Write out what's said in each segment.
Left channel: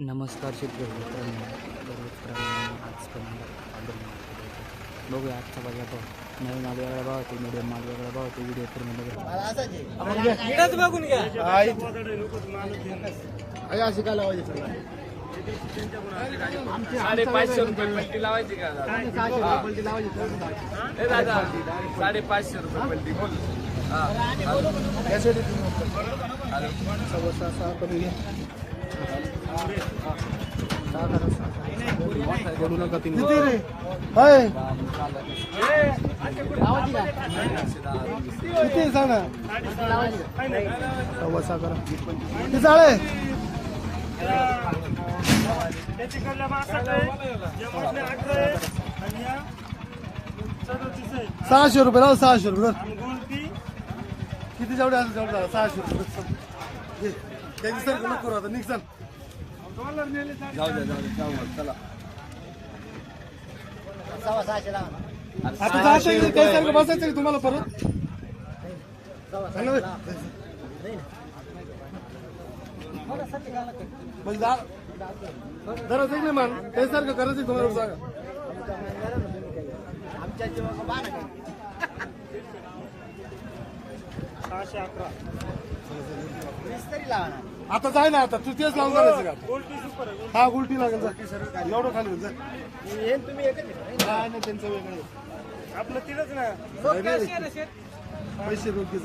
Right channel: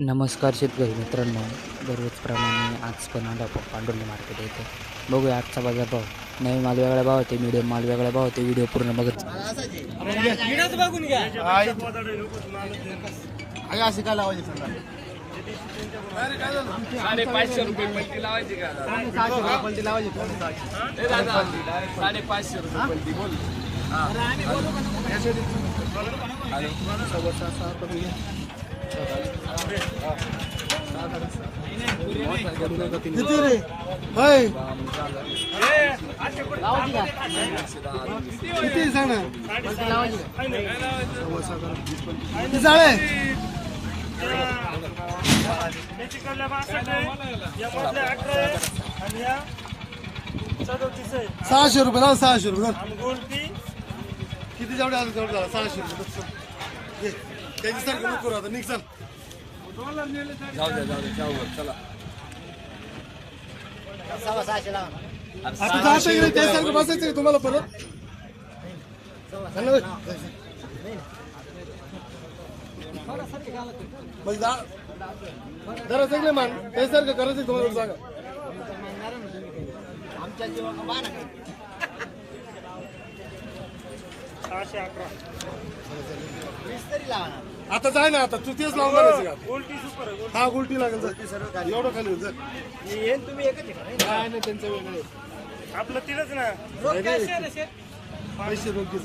नमस्कार शेतकरी मित्रांनो, दररोजप्रमाणे आज पण आलो पांडुर्ली मार्केट येते. बघूया आजचा बाजार भाव. नवीन माल वेगळा भाव होते, मीडियम माल वेगळा भाव होते. व्हिडिओ पूर्ण बघत जा. ₹600 ₹600 किती जेवढे आले तेवढे ₹600 त्याची सर करू आता निघ सर जाऊ द्या चला आता जायचं त्यासारखं बसायचं तुम्हाला परत जरा सगळे मान त्यासारखं करायचं तुम्हाला सांगा आमच्या आता जाय ना आता तू तेच लावून करायचं का हा गुलटी लागेल एवढं खाली होईल तुम्ही काय नाही त्यांचं वेगळं आपलं तिथंच ना पैसे रोखीच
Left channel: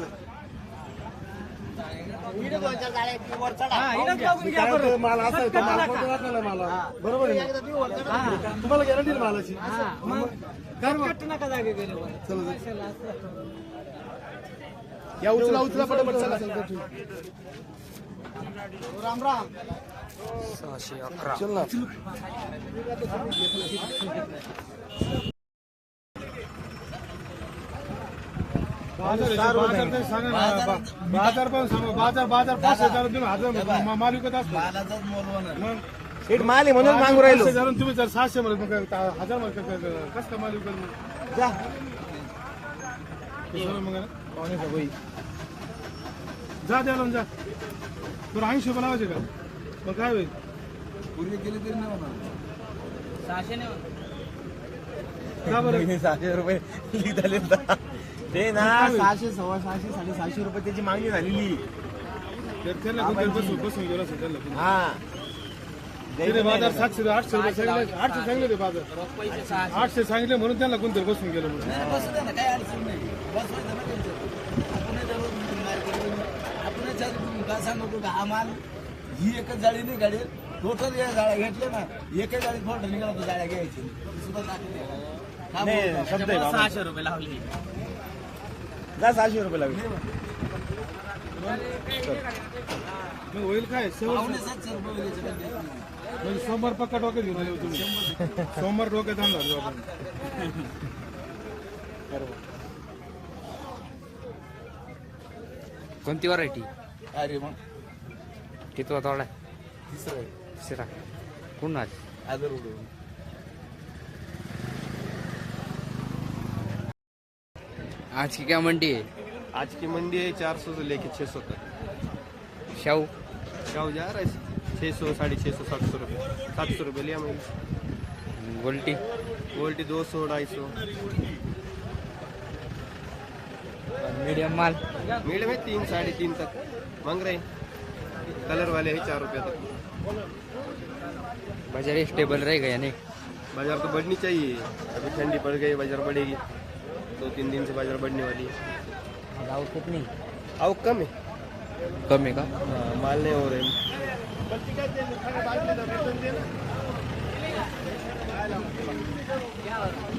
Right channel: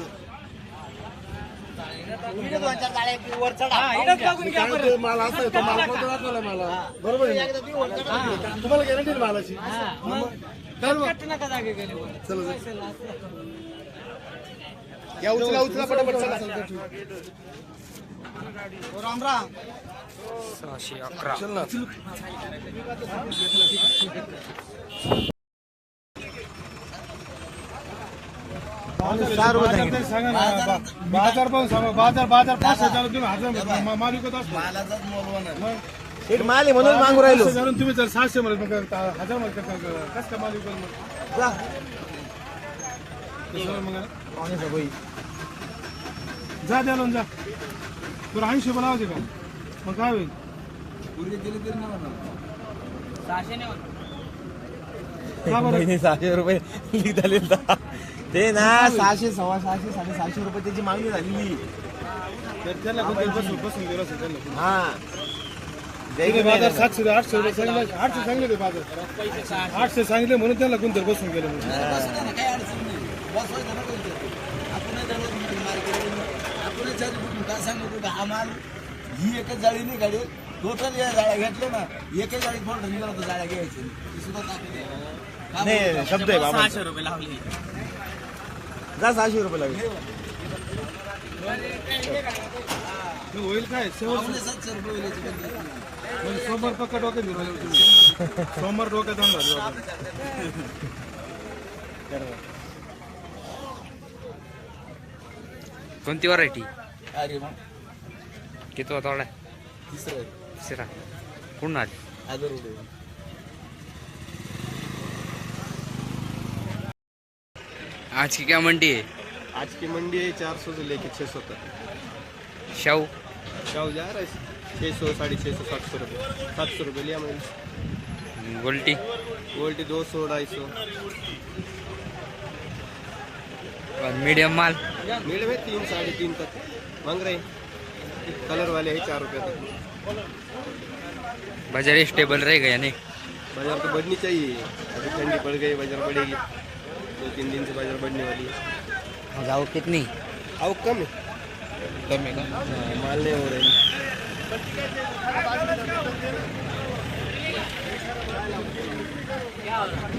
माल असा आहे तो माल कोणता दाखवला मला बरोबर आहे तुम्हाला गॅरंटी मालाची या उचला पटापट राम राम 611 चल ना बाजार पण सांगा बाजार 500 तुम्ही हजार माल विकत असतो माल आहे म्हणून मागू राहिलो तुम्ही जर 700 मध्ये 1000 मध्ये कसं माल विकल मग जा द्या जा तुला 80 बनावायचे का मग काय होईल पूर्वी गेले तरी नाही म्हणा 600 रुपये झाले ते ना 600 650 650 रुपये त्याची मागणी झालेली तर त्याला बसून गेला त्याला हा बाजार 700 800 रुपये सांगितले 800 सांगितले बाजार 800 सांगितले म्हणून त्याला कोणतरी बसून गेले म्हणून काय अडचण नाही काय सांगतो का हा माल ही एकच जाळी नाही गाडी टोटल या जाळ्या घेतल्या ना एकच जाळी फोल्डर निघाला तर जाळ्या घ्यायची ती सुद्धा टाकली शब्द आहे 600 रुपये लावले जा 600 रुपये लागले मग होईल काय 700 रुपये म्हणजे सोमवार पक्का डोक्यात घेऊन आले तुम्ही सोमवार डोक्यात आणला कोणती व्हरायटी? अरे मग कितवा तोडा? तिसरा कोण आली? आदर उडे आज की क्या मंडी है? आज की मंडी है 400 से लेके 600 तक शाहू क्या जा रहा है 600 650 700 रुपये 700 रुपये लिया मैंने गोल्टी गोल्टी 200 250 मीडियम माल मीडियम है 3 3.5 तक मांग रहे हैं कलर वाले है 4 रुपये तक बाजार स्टेबल रहेगा या नहीं? बाजार तो बढ़नी चाहिए अभी ठंडी पड़ गई बाजार बढ़ेगी 2-3 दिन से बाजार बढ़ने वाली है जाओ कितनी? अब कम है ना हाँ माल नहीं हो रहे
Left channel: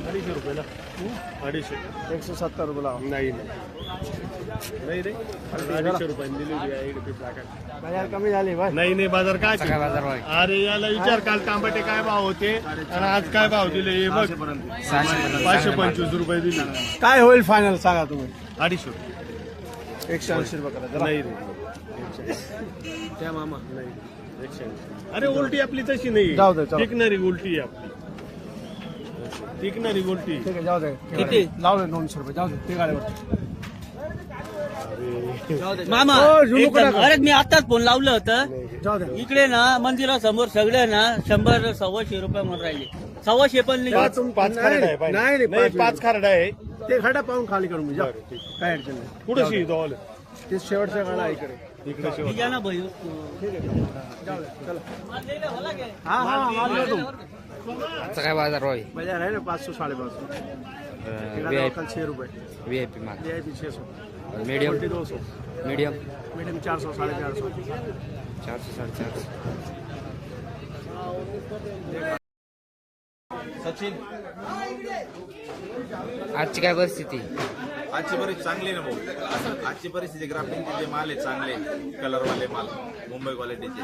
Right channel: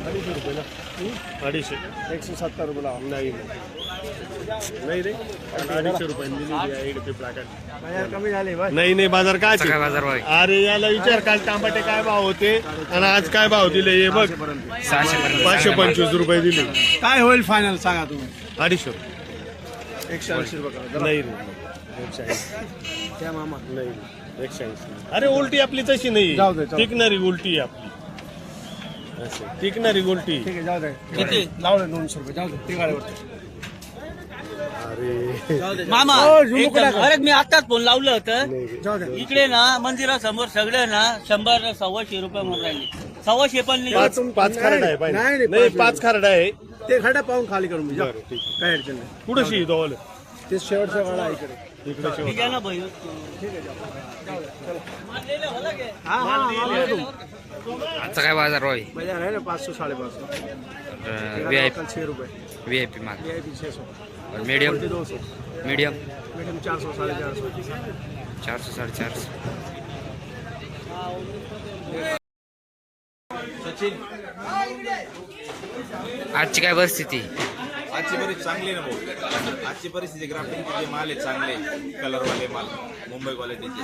₹250 ना 250 170 रुपये लावा नहीं रे 250 रुपये बाजार कमी झाले नाही बाजार काय सकाळ बाजार भाव आहे. अरे याला विचार काल टमाटे काय भाव होते आणि आज काय भाव दिले हे बघ 600 पर्यंत 525 रुपये दिले काय होईल फायनल सांगा तुम्ही 250 180 रुपये नाही रे त्या मामा नाही 180 अरे उलटी आपली तशी नाही जाऊ दे, जाऊ दे. टिकणारी उलटी आहे आपली टिकणारी उलटी ठीक आहे जाऊ दे किती जाऊ दे 200 रुपये जाऊ दे ते गाडीवर मामा एकदम अरे मी आताच फोन लावलं होतं जाऊ द्या इकडे ना मंदिरासमोर सगळे ना 100-125 रुपये म्हणून राहिले 125 पण नाही नाही पाच खारडा आहे ते खडा पाहून खाली करून जा काय अडचण नाही पुढे ते शेवटच्या वेळा आहे इकडे ठीक आहे ना भाई हा माल देतो. आजचा काय बाजार होय बाजार आहे ना 500-550 VIP 6 रुपये VIP माल VIP 600 और मीडियम 200 मीडियम मीडियम 400-450 400-450. आजची काय परिस्थिती आजची परिस्थिती चांगली ना भाऊ आजची परिस्थिती ग्राफ्टिंगचे जे माल आहे चांगले कलरवाले माल मुंबई क्वालिटीचे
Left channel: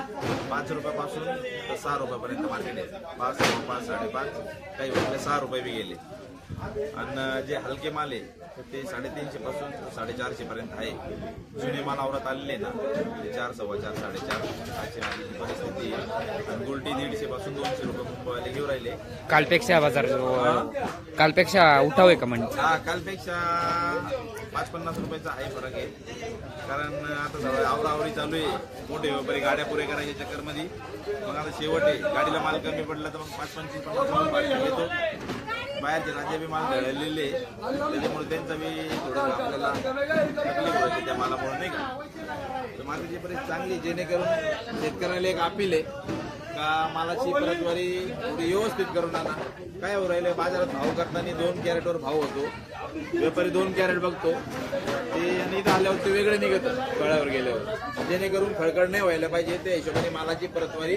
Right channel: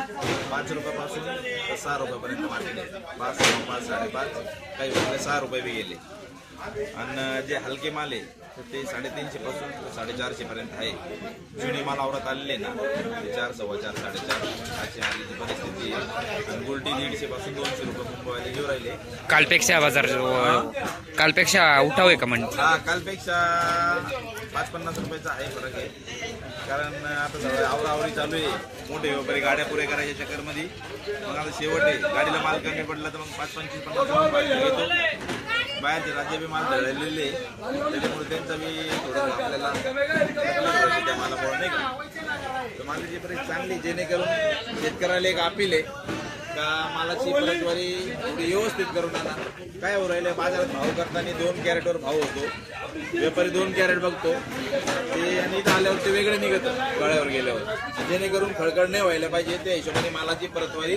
5 रुपयापासून तर 6 रुपयापर्यंत मार्केट आहे 5, 5, 5.5 काही वेळेला 6 रुपये बी गेले आणि जे हलके माल आहे तर ते 350 पासून 450 पर्यंत आहे जुने माल आवरात आलेले ना ते 4, 4.25, 4.5 अशी आलेली परिस्थिती आहे आणि गुलटी 150 पासून 200 रुपये मुंबईवाले घेऊन राहिले कालपेक्षा बाजार कालपेक्षा उठाव आहे का म्हणजे हा कालपेक्षा 5-50 रुपयाचा आहे फरक आहे कारण आता सगळं आवराआवरी चालू आहे मोठे व्यापारी गाड्या पुऱ्या करायच्या चक्करमध्ये मग आता शेवट आहे गाडीला माल कमी पडला तर मग 5-25-50 रुपये घेतो बाहेरचे राज्य बी माल धळलेले त्याच्यामुळे त्यांचा बी थोडं आपल्याला तकलीफ त्या मालामुळे नाही का तर मालाची परिस्थिती चांगली जेणेकरून शेतकऱ्याला एक अपील आहे का मालाची परतवारी थोडी व्यवस्थित करून आणा काय हो राहिलं बाजारात भाव करताना 2 कॅरेटवर भाव होतो व्यापारी 2 कॅरेट बघतो ते आणि इथं आल्यावर ते वेगळे निघतं गळ्यावर गेल्यावर जेणेकरून खळखळ नाही व्हायला पाहिजे त्या हिशोबाने मालाची परतवारी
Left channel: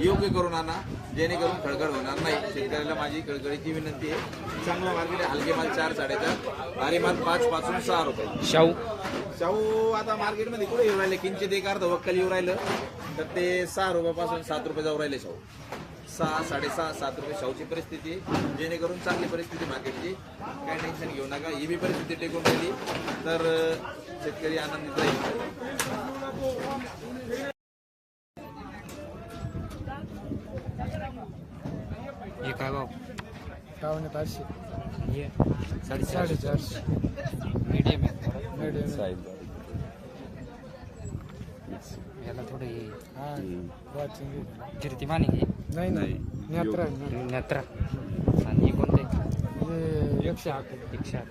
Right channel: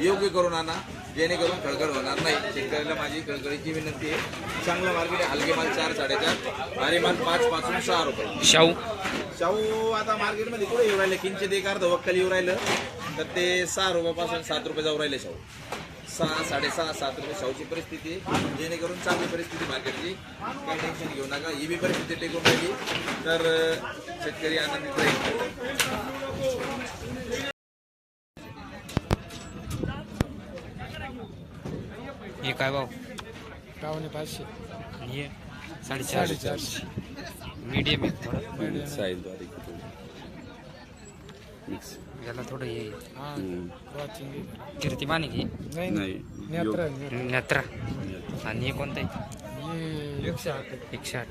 योग्य करून आणा जेणेकरून खळखळ होणार नाही शेतकऱ्याला माझी खळखळीची विनंती आहे चांगला मार्केट आहे हलके माल 4-4.5 भारी माल 5 पासून 6 रुपये शाहू आता मार्केटमध्ये कुठे येऊ राहिले किंचित एक अर्ध वक्कल येऊ राहिलं तर ते 6 रुपयापासून 7 रुपये जाऊ राहिले शाहू 6, 6.5, 7 रुपये शाहूची परिस्थिती आहे जेणेकरून चांगली परिस्थिती मार्केटची काय टेन्शन घेऊ नका ही बी परिस्थिती टिकून राहिली तर शेतकरी आनंदित राहील हे काय भाव 500 हे 450 मीडियम आहे थोडं याला थोडं हे कीर्तिमान आहे नाही नेत्रा आणि हे कोणतं आहे 108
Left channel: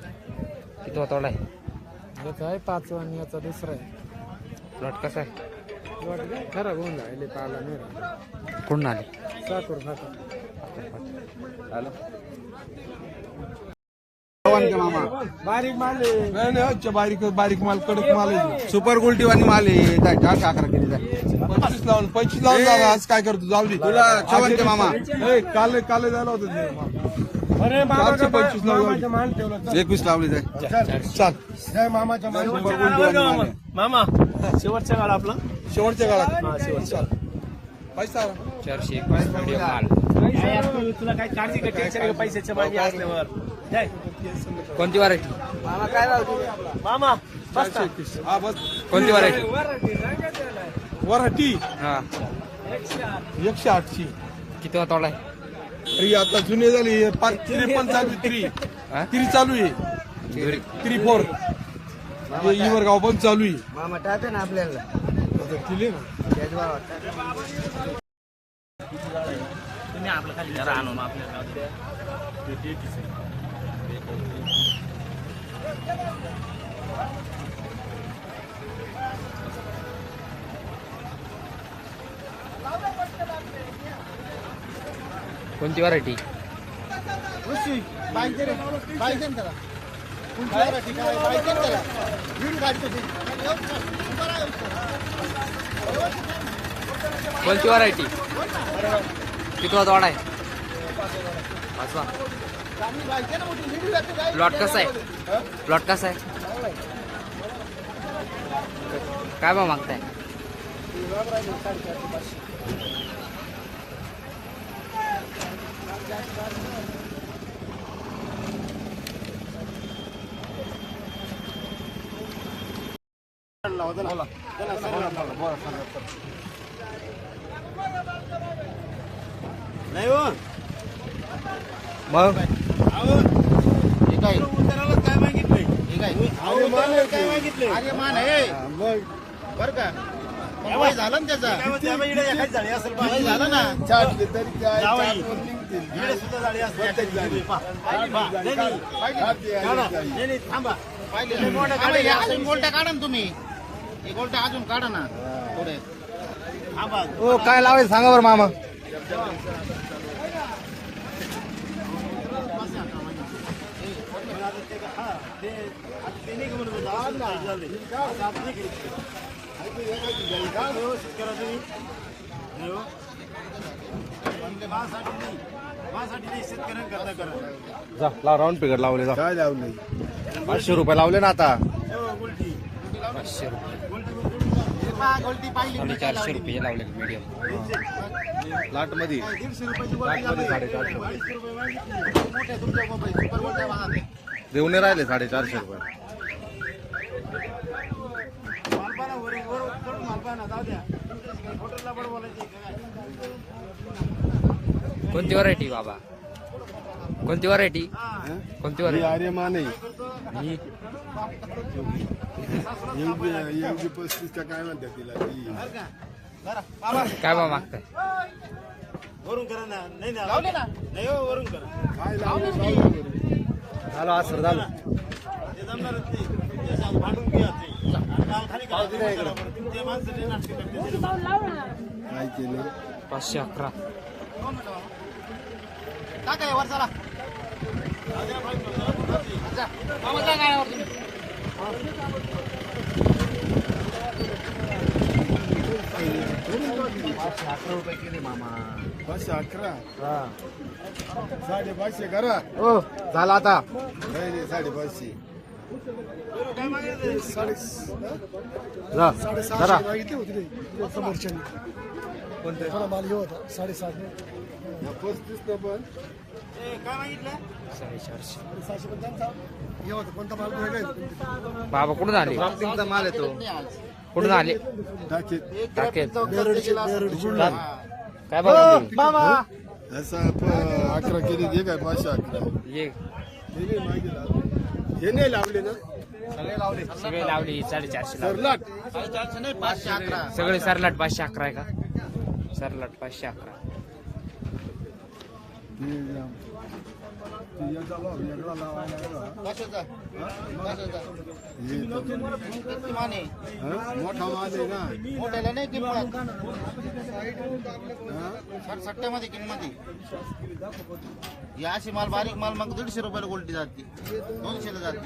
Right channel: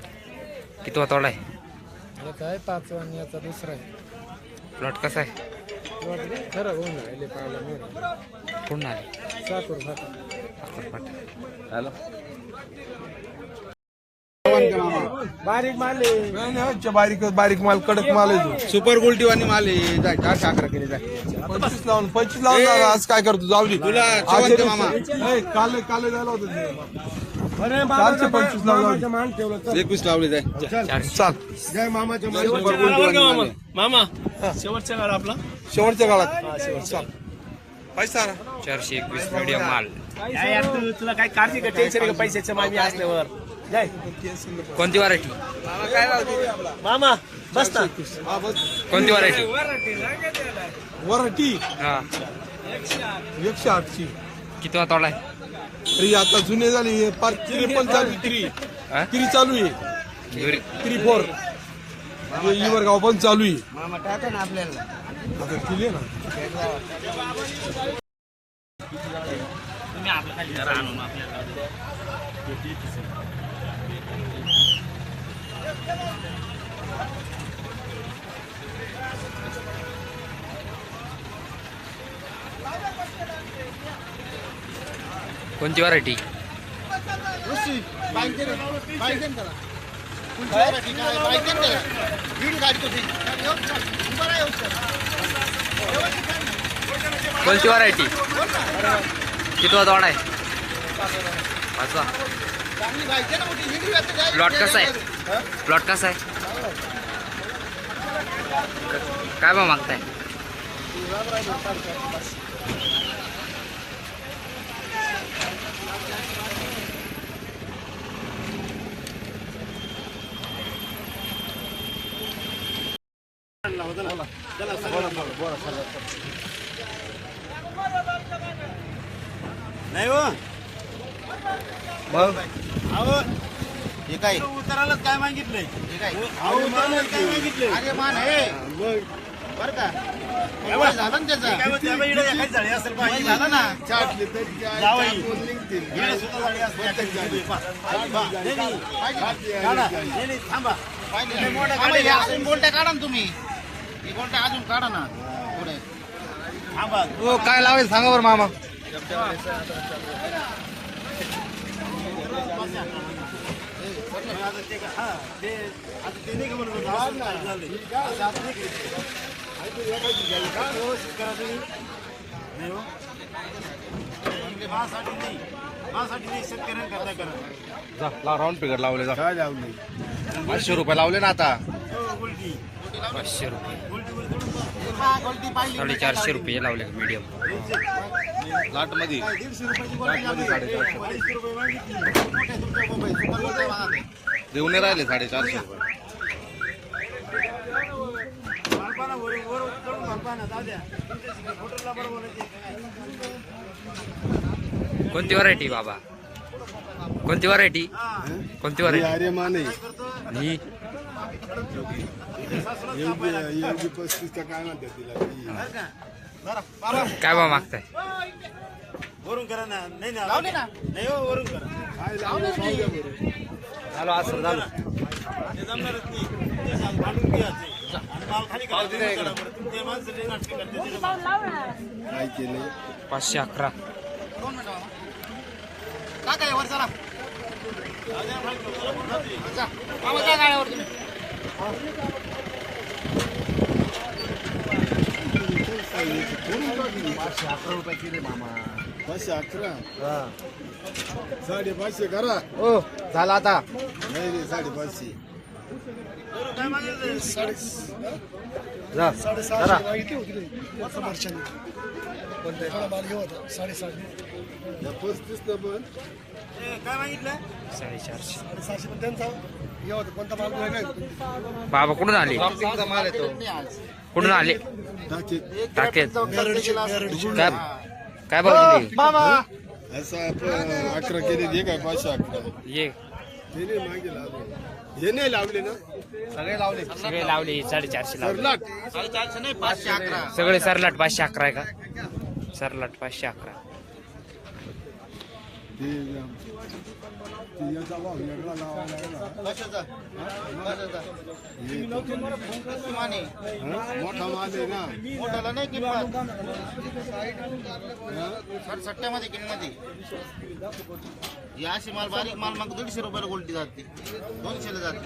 किती तोडा आहे याचा आहे 5 आणि याचा दुसरा आहे प्लॉट कसा आहे खरं होऊन राहिले पाहायला नाही कुठून आली साखर फाटा बारीक माल बारीक माल कडक माल सुपर गोल्टी वाणी माल आहे 4 केली 25 लावून झाला आज काय करतो जावली तुला मामा काल जायला होतं अरे 25 लावले 21 लावले जाय चाल जय मामाच्या सुपर गोल्टी वाणी मामा शेवटच्या काळात आपला शेवटच्या काळात पैसा 421 मीडियम माल तुला काय काळजी का टेन्शन का पैशाच्या मागे असल्यावर कोणती व्हरायटी मामा बस हा बस कोणती व्हरायटी वराठी हा 108 ची किती तोडा आहे तरी आता जुने झाली 53 चालू हा? किरी चालू आहे किरी 4 इवर गाव पण चालू आहे मामा टाटा ना आपल्याला किले ना तुम्ही आपल्या खाली जरा आणून आपल्याला कोणती व्हरायटी कोणती व्हरायटी किती तोडा आहे 5वा प्लॉट कसा आहे काय भाव मागताय नाही हो मग काय उतरायलाच काय मागितलंय काय मागितले अरे मान आहे बरं का झालं ना त्याचं झाली असेल पाहिजे झालं ना जावई सुद्धा झाली असेल थांबा गोलट्या काढा ना तुम्ही हे गोलट्या अजून काढा ना थोडे थांबा हो काय लावायचं सांगा बरं मामा जा लाव राऊंड पिकट लावले जा काय लावलं 500 रुपये लावले ना आता 500 रुपये 450 रुपये लावले मीडियम लाट मध्ये 150 रुपयाची गोल्टी झाली 250 रुपये मागितली मोठ्या तुमच्या मोबाईल सुपर गोल्ट्या महाग देऊन राहिले 450 रुपये मालपाना वर चढून मालपाना जाऊ द्या हॉटेलला बरं बोलायचे कोणती व्हरायटी बाबा कोणती व्हरायटी कोणती व्हरायटी अरे मा नाही ही एवढी 35 का काय म्हणतात तिला काय बा मागताय वरून करा ना नाही ना लावले ना नाही हो वरून करा झालं असं झालं ते जमणारच नाही तुमच्या हात भांडून घ्या ते. माल खाली करा चला बरं तुमच्या माणसं ते नाटक करते काय केलं 511 काय काय वर चला मामा जा गाड्यावर तुम्ही पाचशे 11 550 करा हो झालं आता नाही 550 काय मागितलं जा करा या 35 न पण काय मागितलं 450 बाबा कुठून आले प्लास्टिकचा माल येतो कुठून आले टाकेत टाकेत काय काय भाव दिली असं आपण 11 केली हे काय 511 ये ते नाही मागे लावले हे नाही लावले ना सगळे लावले सगळे लावले 450 लावले सरलाट 450 नाही 511 सगळे सरलाट 511 आहे का सरलाट 511 ते याचा भाव वेगळा लावायला कशाचा मोठा माल आहे ना मोठ्याला नाही किंमत सट्ट्यामध्ये किंमत या अशी माल बारीक माल मग 150 रुपयाला गोल्टी जाते 200 ला जाते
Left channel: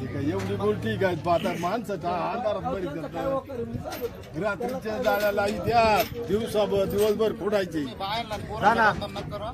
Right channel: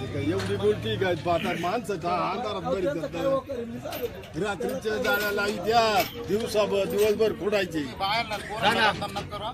ते काय एवढी गोष्टी काय पाहता माणसं का अंधारात बरी करतात रात्रीच्या जाळ्या लावी द्या दिवसभर खोडायची बाहेरला पोरांना करा